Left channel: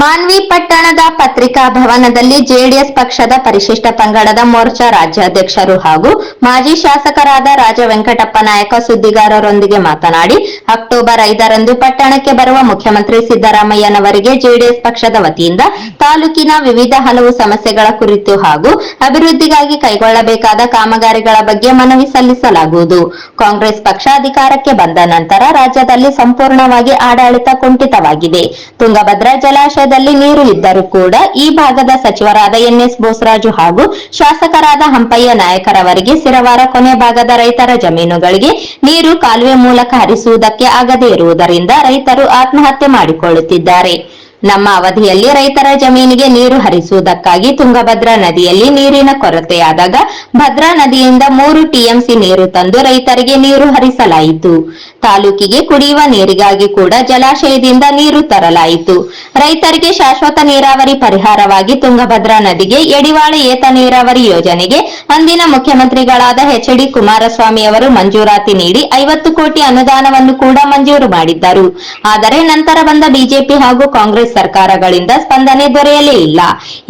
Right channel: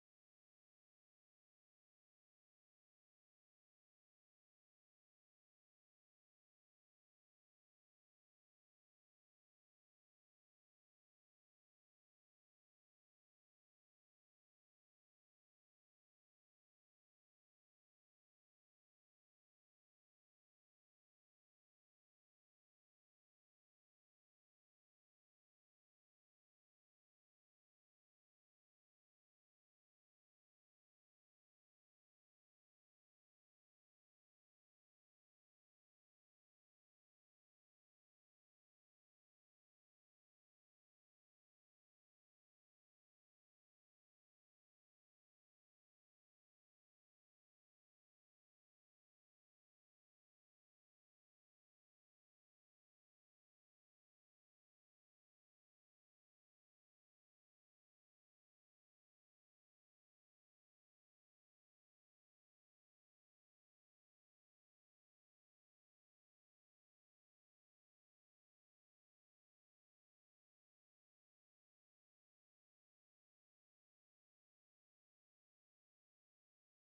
ಮಾನ್ವಿ ಪಟ್ಟಣದ ಪತ್ರಿಕಾ ಭವನದಲ್ಲಿ ಜೆಡಿಎಸ್ ಪಕ್ಷದ ಪರಿಶಿಷ್ಟ ಪಂಗಡದ ಮೋರ್ಚಾ ರಾಜ್ಯಾಧ್ಯಕ್ಷರು ಹಾಗೂ ಮಾಜಿ ಶಾಸಕರಾದ ರಾಜ ವೆಂಕಟಪ್ಪ ನಾಯಕ ಸುದ್ದಿಗಾರರೊಂದಿಗೆ ಮಾತನಾಡಿ ಅಕ್ಟೋಬರ್ 5ರಂದು ಪಟ್ಟಣಕ್ಕೆ ಬರುವ ಮುಖ್ಯಮಂತ್ರಿ ಸಿದ್ದರಾಮಯ್ಯನವರಿಗೆ ಜೆಡಿಎಸ್ ಪಕ್ಷದ ವತಿಯಿಂದ ತಾಲೂಕಿನ ವಿವಿಧ ಹಲವು ಸಮಸ್ಯೆಗಳ ಕುರಿತು ಹಾಗೂ ಅಭಿವೃದ್ಧಿಗಾಗಿ ಕೈಗೊಳ್ಳಬೇಕಾದ ಕಾಮಗಾರಿಗಳ ಬಗ್ಗೆ ಮನವಿ ಸಲ್ಲಿಸಲಾಗುವುದು. ಕಾಂಗ್ರೆಸ್ ಪಕ್ಷ ಅಧಿಕಾರಕ್ಕೆ ಬಂದ ನಂತರ ರಾಜ್ಯದಲ್ಲಿ ಸಂಪೂರ್ಣವಾಗಿ ಆಡಳಿತ ಕುಂಠಿತವಾಗಿದೆ. ತುಂಗಭದ್ರಾ ಜಲಾಶಯದಲ್ಲಿ ನೀರು ಇದ್ದರೂ ಕೂಡ ಈ ಭಾಗದ ಸಚಿವರಾದ ಎನ್ಎಸ್ ಬೋಸರಾಜು ಹಾಗೂ ಶಾಸಕರಾದ ಹಂಪಯ್ಯ ನಾಯಕರವರಿಗೆ ಸಿರವಾರ ಕೊನೆ ಭಾಗದ ರೈತರ ಜಮೀನುಗಳಿಗೆ ನೀರು ಕಾಲುವೆ ಮೂಲಕ ಹರಿಸುವುದಕ್ಕೆ ಆಗದೇ ಇರುವುದರಿಂದ ರೈತರು ಆತ್ಮಹತ್ಯೆ ಮಾಡಿಕೊಳ್ಳುತ್ತಿದ್ದಾರೆ. ನಮ್ಮ ಅವಧಿಯಲ್ಲಿ ರೈತರ ಜಮೀನಿಗೆ ನೀರು ಹರಿಸುವುದಕ್ಕಾಗಿ ತುಂಗಭದ್ರಾ ನದಿಯಲ್ಲಿ ನೀರಿನ ಕೊರತೆಯಾದಾಗ ಭದ್ರಾ ನದಿಯಿಂದ 3 ಟಿಎಂಸಿ ನೀರು ತಂದು ರೈತರಿಗೆ ನೀರು ಹರಿಸಲಾಯಿತು. ತಾಲೂಕಿಗೆ ಕುಡಿಯುವ ನೀರಿಗಾಗಿ ಕೂಡ ಜಲಾಶಯದಿಂದ ನೀರು ತರಲಾಯಿತು. ರೈತರಿಗೆ ಶಾಶ್ವತ ನೀರಾವರಿ ಪರಿಹಾರವಾಗಿ ತುಂಗಭದ್ರಾ ನದಿಗೆ ಯಡಿವಾಳ ಏತ ನೀರಾವರಿ ಯೋಜನೆಗೆ ಅಂದಿನ ಮುಖ್ಯಮಂತ್ರಿಗಳಾದ ಎಚ್.ಡಿ. ಕುಮಾರಸ್ವಾಮಿ ಅವರು ಮಂಜೂರಾತಿ ನೀಡಿ 50 ಕೋಟಿ ಅನುದಾನವನ್ನು ಕೂಡ ಮಂಜೂರು ಮಾಡಿದ್ದರು. ಆದರೆ ನಂತರ ಬಂದ ಬಿಜೆಪಿ ಹಾಗೂ ಕಾಂಗ್ರೆಸ್ ಸರ್ಕಾರಗಳಿಂದ ಸ್ಪಂದನೆ ದೊರೆಯಲೇ ಇಲ್ಲ.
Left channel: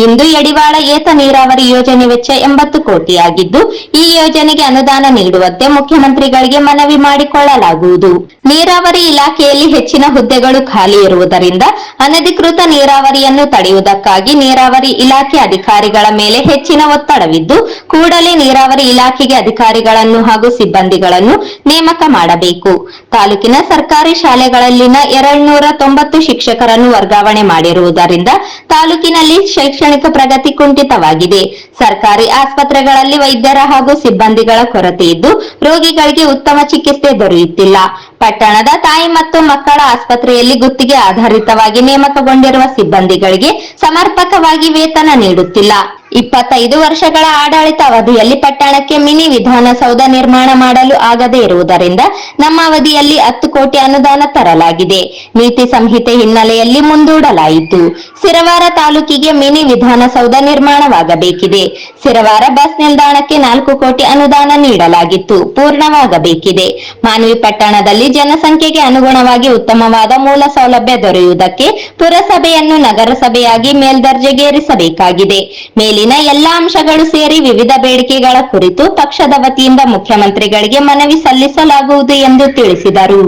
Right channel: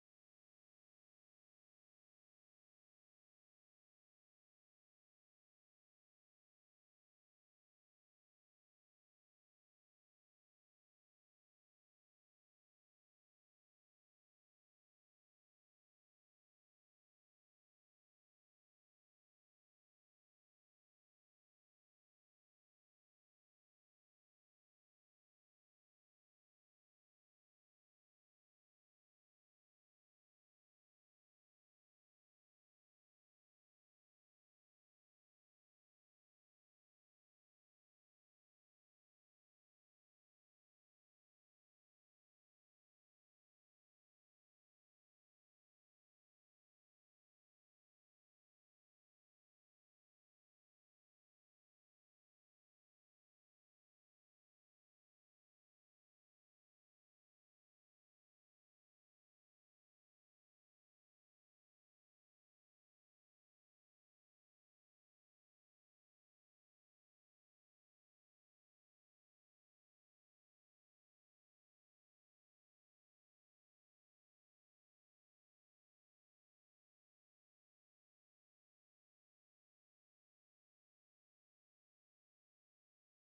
ಇಂದು ಯಡಿವಾಳ ಏತ ನೀರಾವರಿ ಯೋಜನೆ ವೆಚ್ಚ 80 ಕೋಟಿಯಾಗಿದ್ದು ಈ ಯೋಜನೆಗೆ ಅನುದಾನ ನೀಡುವಂತೆ ಮುಖ್ಯಮಂತ್ರಿಗಳಿಗೆ ಮನವಿ ಮಾಡಿಕೊಳ್ಳಲಾಗುವುದು. ನೀರಾವರಿ ಇಲಾಖೆಯಲ್ಲಿ ಹೆಚ್ಚಿನ ಹುದ್ದೆಗಳು ಖಾಲಿ ಇರುವುದರಿಂದ ಅನಧಿಕೃತ ನೀರಾವರಿಯನ್ನು ತಡೆಯುವುದಕ್ಕಾಗಿ ನೀರಾವರಿ ಇಲಾಖೆ ಅಧಿಕಾರಿಗಳ ಮೇಲೆ ಹೆಚ್ಚಿನ ಒತ್ತಡವಿದ್ದು ಕೂಡಲೇ ನೀರಾವರಿ ಇಲಾಖೆಗೆ ಅಧಿಕಾರಿಗಳನ್ನು ಹಾಗೂ ಸಿಬ್ಬಂದಿಗಳನ್ನು ನೇಮಕ ಮಾಡಬೇಕು. ತಾಲೂಕಿನ ಸರ್ಕಾರಿ ಶಾಲೆಗಳಲ್ಲಿನ 290 ಶಿಕ್ಷಕರನ್ನು ವರ್ಗಾವಣೆ ಮಾಡಿರುವುದರಿಂದ ತಾಲೂಕಿನಲ್ಲಿ ಶೈಕ್ಷಣಿಕ ಪ್ರಗತಿ ಕುಂಠಿತವಾಗಿದೆ. ಸರ್ಕಾರಿ ಆಸ್ಪತ್ರೆಗಳಲ್ಲಿ ವೈದ್ಯರ ಹಾಗೂ ಸಿಬ್ಬಂದಿಗಳ ಕೊರತೆ ಇದ್ದು ರೋಗಿಗಳಿಗೆ ಉತ್ತಮ ಚಿಕಿತ್ಸೆ ದೊರೆಯುತ್ತಿಲ್ಲ. ಪಟ್ಟಣದ ತಾಯಿ ಮತ್ತು ಮಕ್ಕಳ ಆಸ್ಪತ್ರೆಯಲ್ಲಿ ಗುತ್ತಿಗೆ ಆಧಾರಿತವಾಗಿ ನೇಮಕಗೊಂಡಿರುವ ಸಿಬ್ಬಂದಿಗಳಿಗೆ ಸಮರ್ಪಕವಾಗಿ ವೇತನ ನೀಡುತ್ತಿಲ್ಲ. 25 ವರ್ಷಗಳ ಆಡಳಿತ ಅವಧಿಯಲ್ಲಿ ಪಟ್ಟಣಕ್ಕೆ ಮಿನಿ ವಿಧಾನಸೌಧ ನಿರ್ಮಾಣ ಮಾಡಲು ಆಗದೇ ಇರುವುದರಿಂದ ನಮ್ಮ ಅವಧಿಯಲ್ಲಿ 10 ಕೋಟಿ ಅನುದಾನ ತರಲಾಗಿದೆ. ನೀತಿ ಸಂಹಿತೆ ಹಿನ್ನೆಲೆಯಲ್ಲಿ ಮುಂದೂಡಲಾಯಿತು. ಸಿರವಾರ ತಾಲೂಕಿಗೆ ಮಿನಿ ವಿಧಾನಸೌಧ ನಿರ್ಮಾಣವಾಗಬೇಕಿದೆ. ಸಿರವಾರ ಬಸ್ ನಿಲ್ದಾಣಕ್ಕೆ 4 ಕೋಟಿ ಅನುದಾನ ನೀಡಲಾಗಿತ್ತು, ಪೂರ್ಣವಾಗಬೇಕಿದೆ. ಮಾನ್ವಿ ಪಟ್ಟಣದಲ್ಲಿ ಜನಸಂಖ್ಯೆಗೆ ಅನುಗುಣವಾಗಿ ಉತ್ತಮವಾದ ಮೂಲ ಸೌಲಭ್ಯ ದೊರೆಯುವುದಕ್ಕೆ ಪುರಸಭೆಯನ್ನು ನಗರಸಭೆಯಾಗಿ ಮೇಲ್ದರ್ಜೆಗೇರಿಸಬೇಕಾಗಿದೆ. ಮೇಲಿನ ಎಲ್ಲ ಅಂಶಗಳು ಸೇರಿ ವಿವಿಧ ಬೇಡಿಕೆಗಳ ಕುರಿತು ಪಕ್ಷದ ವತಿಯಿಂದ ಮುಖ್ಯಮಂತ್ರಿಗಳಿಗೆ ಮನವಿ ಸಲ್ಲಿಸಲಾಗುವುದು ಎಂದು ತಿಳಿಸಿದರು.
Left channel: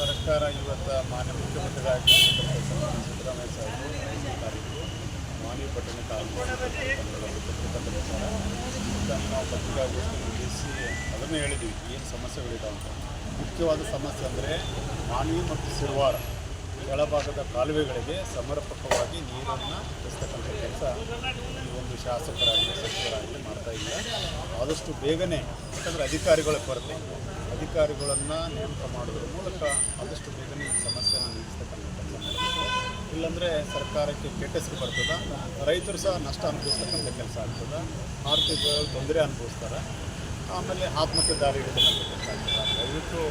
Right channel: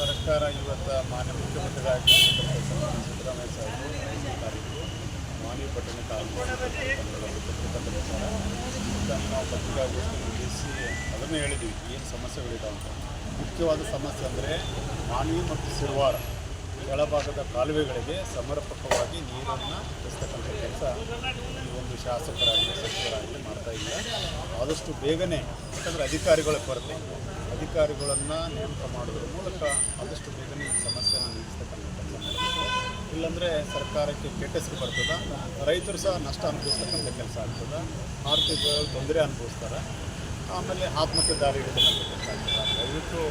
ಸರ್ಕಾರ ಇವತ್ತು ಮಾನ್ಯ ಮುಖ್ಯಮಂತ್ರಿಗಳಾಗಿ ಸಿದ್ದರಾಮಯ್ಯ ಸಾಹೇಬರು ಮಾನ್ವಿ ಪಟ್ಟಣ ನಾವು ಪತ್ರಿಕಾಗೋಷ್ಠಿ ನಡೆಸಿ ಅದನ್ನು ಹೇಳಿದ್ವಿ ಏನು ಸಮಸ್ಯೆಗಳಿದಾವೆ ಅಂತ. ಮುಖ್ಯವಾದ ಸಮಸ್ಯೆ ಅಂದರೆ ಮಾನ್ವಿ ಮತ್ತು ಸಿರವಾರ ಕೆಳಭಾಗದ ಕಾಲುವೆಗಳಿಗೆ ಸಮರ್ಪಕವಾಗಿ ನೀರನ್ನು ಹರಿಸ್ತಕ್ಕಂಥ ಕೆಲಸ ಈ ಒಂದು ಶಾಸಕರಾಗಲಿ ಸಚಿವರಾಗಲಿ ಮಾಡ್ತಾ ಇಲ್ಲ. ಆದಷ್ಟು ಬೇಗನೆ, ಯಾಕಂದರೆ ಅಧಿಕಾರಿಗಳ ಕೊರತೆ, ಅಧಿಕಾರಿಗಳನ್ನು ನೇಮಕ ಮಾಡೋದ್ರ ಮೂಲಕ ಆದಷ್ಟು ಬೇಗನೆ ಈ ಸಮಸ್ಯೆಯನ್ನು ನಿಲ್ಲಿಸ್ತಕ್ಕಂಥ ಕೆಲಸ ಮಾಡಬೇಕು. ಇಲ್ಲಾಂದರೆ ಸರ್ಕಾರಕ್ಕೆ ಕೆಟ್ಟ ಹೆಸರು ಬರ್ತದೆ, ರೈತರು ಸಹ ನಷ್ಟ ಅನುಭವಿಸ್ತಕ್ಕಂಥ ಕೆಲಸ ಆಗ್ತದೆ, ಆರ್ಥಿಕ ತೊಂದರೆ ಅನುಭವಿಸ್ತಾರೆ, ಆಮೇಲೆ ಆತ್ಮಹತ್ಯೆ ದಾರಿ ಹಿಡಿತಕ್ಕಂಥ ಕೆಲಸ ಆಗ್ತದೆ. ದಯವಿಟ್ಟು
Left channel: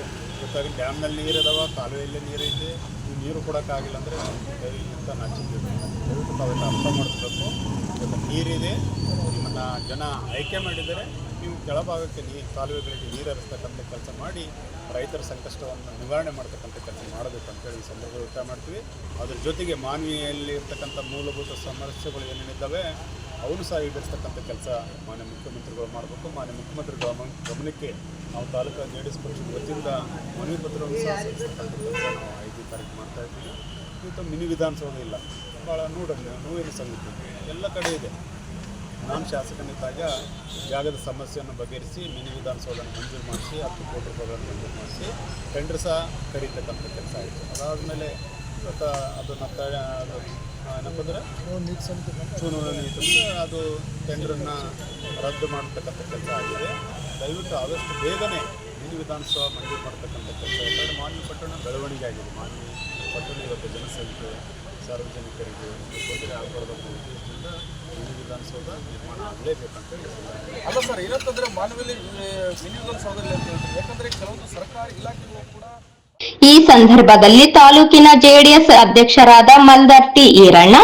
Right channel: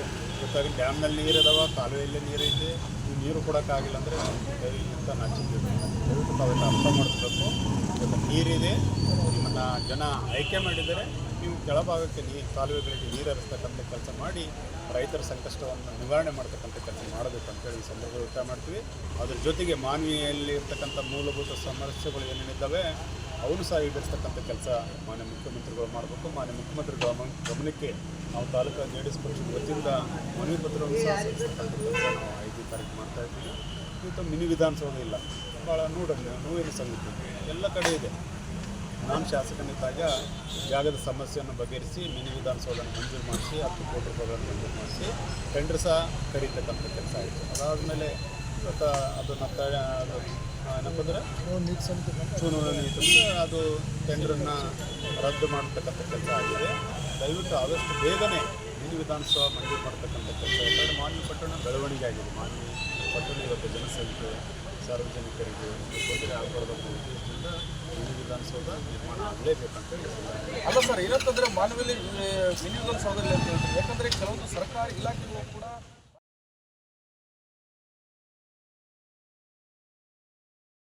ಗೊತ್ತಾಗಿ ಡ್ಯಾಮ್ನಲ್ಲಿ ನೀರಿದಾವೆ, ಕಾಲುವೆಯಲ್ಲಿ ನೀರಿದೆ, ನೀವು ನೀರು ಕೊಡೋಕ್ಕಾಗಿಲ್ಲ ಅಂದರೆ ದಯವಿಟ್ಟು ನಾಚಿದ್ದೀವಿ. ದಯವಿಟ್ಟು ತಾವೆಲ್ಲ ಅರ್ಥ ಮಾಡ್ಕೋಬೇಕು. ಇವತ್ತು ನೀರಿದೆ, ನಿಮ್ಮನ್ನು ಜನ ಆಯ್ಕೆ ಮಾಡಿದರೆ ನೀವು ಕೆಳಭಾಗಕ್ಕೆ ಕಾಲುವೆಗಳಿಗೆ ನೀರು ಹರಿಸ್ತಕ್ಕಂಥ ಕೆಲಸ ಮಾಡಿ ರೈತರ ಸಂಕಷ್ಟವನ್ನು ನಿವಾರಣೆ ಮಾಡ್ತಕ್ಕಂಥ ಕೆಲಸ ಮಾಡಬೇಕು ಅಂತೇಳಿ ಈ ಸಂದರ್ಭದಲ್ಲಿ ಒತ್ತಾಯ ಮಾಡ್ತೀವಿ. ಅದ್ರ ಜೊತೆಗೆ ಮಾನ್ವಿಯಲ್ಲಿ ಇರ್ತಕ್ಕಂಥ ಮೂಲಭೂತ ಸಮಸ್ಯೆಗಳು ಏನೇನಿದ್ದಾವೆ ಅವನು ಸಹ ಈಡೇರಿಸ್ತಕ್ಕಂಥ ಕೆಲಸ ಮಾನ್ಯ ಮುಖ್ಯಮಂತ್ರಿಗಳು ಮಾಡಬೇಕು. ಮಾನ್ಯ ಮುಖ್ಯಮಂತ್ರಿಗಳ ಗಮನಕ್ಕೆ ನಾವು ತಾಲೂಕು ಜೆಡಿಎಸ್ ಪಕ್ಷದ ವತಿಯಿಂದ ಮನವಿ ಪತ್ರವನ್ನು ಸಹ ಸಲ್ಲಿಸ್ತಕ್ಕಂಥ ಕೆಲಸ ನಾವು 5ನೇ ತಾರೀಕು ಮಾಡ್ತಾ ಇದ್ದೀವಿ. ಇವತ್ತು ಮಿನಿ ವಿಧಾನಸೌಧ ಇಲ್ಲ, ಭಾಳ ನೋವೇನು ಸಂಗತಿ, ಎಲ್ಲ ಕಡೆ ಇದೆ. ನಾನು ಶಾಸಕನಿದ್ದಾಗ ಜಾಗದ ಸಮಸ್ಯೆಯನ್ನು ಬಗೆಹರಿಸಿ ಮಿನಿ ವಿಧಾನಸೌಧನ ಮಂಜೂರು ಮಾಡಿಸಿ 10 ಕೋಟಿ ರೂಪಾಯಿಗಳನ್ನು ಮಂಜೂರು ಮಾಡಿಸಿ ಟೆಂಡರ್ ಸಹ ಕರೀತಕ್ಕಂಥ ಕೆಲಸ ಆಯಿತು. ಅದಾದಮೇಲೆ ಇವತ್ತು ಅದನ್ನು ಏನಪ್ಪಂದ್ರೆ ಚುನಾವಣೆ ಅದು ಟೆಂಡರನ್ನು ರದ್ದು ಮಾಡತಕ್ಕಂಥ ಕೆಲಸ ಆಗಿದೆ. ದಯವಿಟ್ಟು ಆದಷ್ಟು ಬೇಗನೆ ಮಿನಿ ವಿಧಾನಸೌಧ ಮಂಜೂರು ಮಾಡ್ತಕ್ಕಂಥ ಕೆಲಸ. ಯಾಕಂದರೆ ಮಾನ್ವಿ ಪಟ್ಟಣ ಬೆಳವಣಿಗೆ ಆಗಿದೆ. ಮಾನ್ವಿ ಪಟ್ಟಣ ಇವತ್ತು ಜನಸಂಖ್ಯೆ ಸಾರ್ವಜನಿಕರಿಗೆ ತೊಂದರೆ ಆಗಬಾರ್ದು ಅನ್ನೋ ಉದ್ದೇಶದಿಂದ ಮಿನಿ ವಿಧಾನಸೌಧ ನಿರ್ಮಾಣ ಆಗಲೇಬೇಕಂತ ಹೇಳಿ. ಅಲ್ಲ ಸರ್, ಏನಂತಂದರೆ ಮಾನವಲ್ಲಿ ಮಿನಿ ವಿಧಾನಸೌಧದಲ್ಲಿ ಅಂತ ಹೇಳ್ತಾರೆ, ಯಾಕಂದರೆ ಕೆಲವೊಂದು ಸರ್ಕಾರಿ ಇಲಾಖೆಗಳು ಕೂಡ. ಈ ಸಂದರ್ಭದಲ್ಲಿ ತಾಲೂಕಿನ ಜೆಡಿಎಸ್ ಅಧ್ಯಕ್ಷರಾದ ಮಲ್ದರ್ ಟಿ ಈರಣ್ಣ,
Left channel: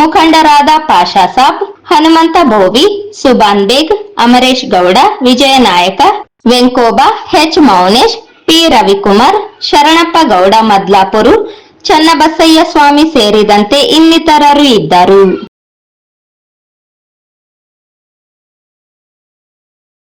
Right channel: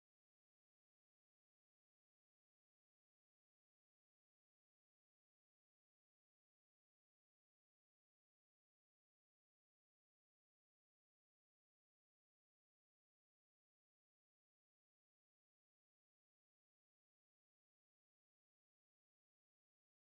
ಮುಖಂಡರಾದ ಪಾಷಾ ಸಾಬ್, ಹನುಮಂತ ಬೋವಿ, ಸುಬಾನ್ ಬೇಗ್, ಅಮರೇಶ್ ಗೌಡ, ವಿಜಯ ನಾಯಕ, ವೆಂಕೋಬಾ, ಎಚ್ ಮೌನೇಶ್, ಪಿ ರವಿಕುಮಾರ್, ಶರಣಪ್ಪ ಗೌಡ ಮದ್ಲಾಪುರು, ಚನ್ನಬಸಯ್ಯ ಸ್ವಾಮಿ ಸೇರಿದಂತೆ ಇನ್ನಿತರರು ಇದ್ದರು.